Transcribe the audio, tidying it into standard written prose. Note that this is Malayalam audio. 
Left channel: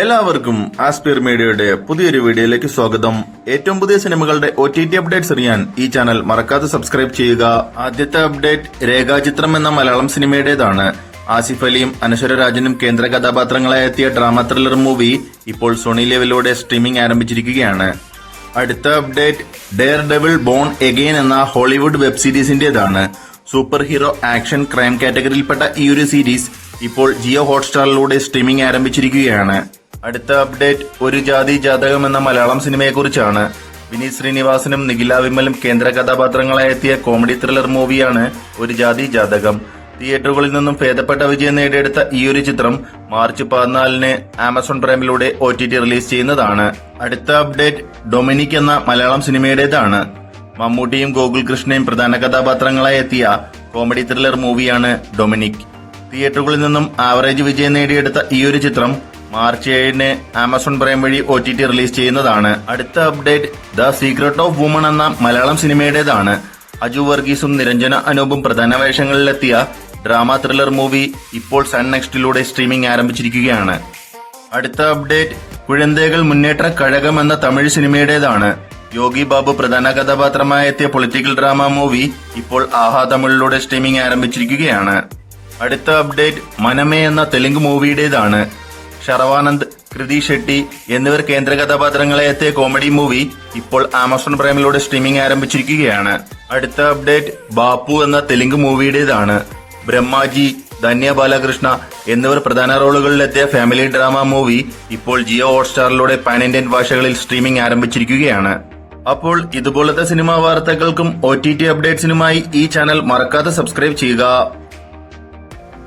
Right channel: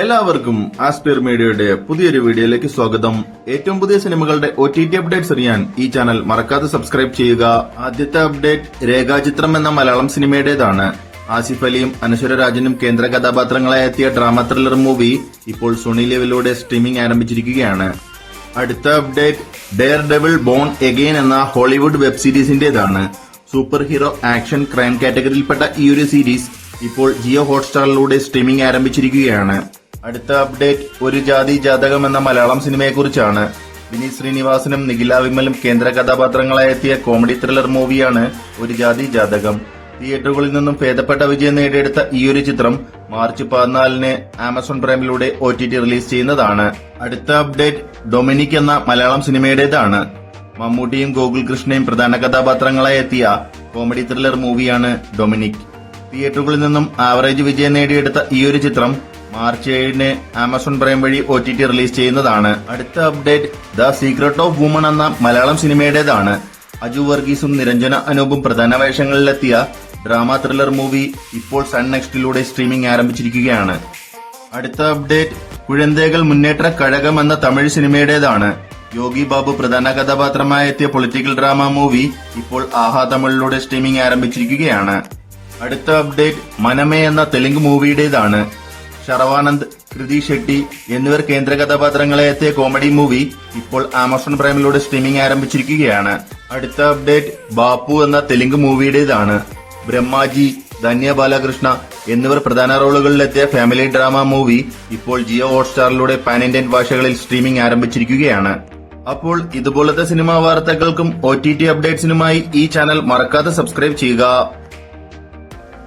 എല്ലാവർക്കും ആസ്പിയർ മീഡിയയുടെ പുതിയൊരു വീഡിയോയിലേക്ക് സ്വാഗതം. ഏറ്റവും പുതിയ സിനിമകളുടെ OTT അപ്ഡേറ്റ്സ് അറിയാൻ ഈ ചാനൽ മറക്കാതെ സബ്സ്ക്രൈബ് ചെയ്യുക. ആദ്യത്തെ അപ്ഡേറ്റ് രേഖാചിത്രം എന്ന മലയാളം സിനിമയുടേതാണ്. ആസിഫ് അലിയും അനശ്വര രാജനും കേന്ദ്ര കഥാപാത്രങ്ങളായി എത്തിയ ഡ്രാമ ത്രില്ലർ മൂവി ഇപ്പോൾ സോണി ലെവലിലൂടെ സ്ട്രീമിംഗ് ആരംഭിച്ചിരിക്കുകയാണ്. അടുത്ത update Daredevil born again എന്ന ഹോളിവുഡ് വെബ് സീരീസിന്റേതാണ്. സൂപ്പർ ഹീറോ ആക്ഷൻ ക്രൈം കാറ്റഗറിയിൽപ്പെട്ട ഈ ഒരു സീരീസ് ഇപ്പോൾ ജിയോ ഹോട്ട്സ്റ്റാറിലൂടെ സ്ട്രീമിംഗ് ആരംഭിച്ചിരിക്കുകയാണ്. അടുത്ത അപ്ഡേറ്റ് ഒരു ജാതി ജാതകം എന്ന മലയാളം സിനിമയെക്കുറിച്ചാണ്. വിനീത് ശ്രീനിവാസനും നിഖില വിമലും കേന്ദ്ര കഥാപാത്രങ്ങളായി എത്തിയ കോമഡി ത്രില്ലർ മൂവിയാണ് ഒരു ജാതി ജാതകം. തിയേറ്ററുകളിൽ നിന്നും ഭേദപ്പെട്ട വിജയം നേടിയെടുത്ത ഈ ഒരു ചിത്രം മാർച്ച് 14 ആമസോൺ പ്രൈമിലൂടെ OTT റിലീസ് ചെയ്യുന്നതാണ്. അടുത്ത അപ്ഡേറ്റ് ഡൊമിനിക് എന്ന മലയാളം സിനിമയുടേതാണ്. മമ്മൂട്ടിയും ഗോകുൽ കൃഷ്ണയും പ്രധാന കഥാപാത്രങ്ങളായി എത്തിയ കോമഡി ത്രില്ലർ മൂവിയാണ് ഡൊമിനിക്. തിയേറ്ററുകളിൽ നിന്നും ആവറേജ് വിജയം നേടിയെടുത്ത ഈ ഒരു ചിത്രം മാർച്ച് 7 ആമസോൺ പ്രൈം വഴി OTT റിലീസ് ചെയ്യുന്നതാണ്. അടുത്ത update the secret of woman എന്ന മലയാളം സിനിമയുടേതാണ്. അജു വർഗീസും നിരഞ്ജന അനൂപും പ്രധാന വേഷങ്ങളിലെത്തിയ ഡ്രാമ ത്രില്ലർ മൂവി ഇപ്പോൾ സൺ നെക്സ്റ്റിലൂടെ സ്ട്രീമിംഗ് ആരംഭിച്ചിരിക്കുകയാണ്. അടുത്ത അപ്ഡേറ്റ് കുഴന്തേകൾ മുന്നേറ്റ കഴകം എന്ന തമിഴ് സിനിമയുടേതാണ്. യോഗി ബാബു പ്രധാന കഥാപാത്രമായി എത്തിയ പൊളിറ്റിക്കൽ ഡ്രാമ മൂവി ഇപ്പോൾ ആഹാ തമിഴിലൂടെ സ്ട്രീമിംഗ് ആരംഭിച്ചിരിക്കുകയാണ്. അടുത്ത അപ്ഡേറ്റ് മനമേ എന്ന തെലുങ്ക് മൂവിയുടേതാണ്. ശർവാനന്ദ്, കൃതി ഷെട്ടി എന്നിവർ കേന്ദ്ര കഥാപാത്രങ്ങളെ എത്തിയ കോമഡി മൂവി ഇപ്പോൾ ആമസോൺ പ്രൈമിലൂടെ സ്ട്രീമിംഗ് ആരംഭിച്ചിരിക്കുകയാണ്. അടുത്ത അപ്ഡേറ്റ് ബാപ്പു എന്ന തെലുങ്ക് മൂവിയുടേതാണ്. ബ്രഹ്മാജി, ധന്യ ബാലകൃഷ്ണ എന്നിവർ പ്രധാന റോളുകളിലെത്തിയ ഫാമിലി ഡ്രാമ മൂവി ഇപ്പോൾ ജിയോ ഹോട്ട്സ്റ്റാറിലൂടെ പാൻ ഇന്ത്യൻ ഭാഷകളിൽ സ്ട്രീമിംഗ് ആരംഭിച്ചിരിക്കുകയാണ്. അപ്പോൾ ഇതുപോലത്തെ സിനിമാ വാർത്തകൾക്കും OTT അപ്ഡേറ്റ്സിനുമായി ഈ ചാനൽ മറക്കാതെ സബ്സ്ക്രൈബ് ചെയ്യുക.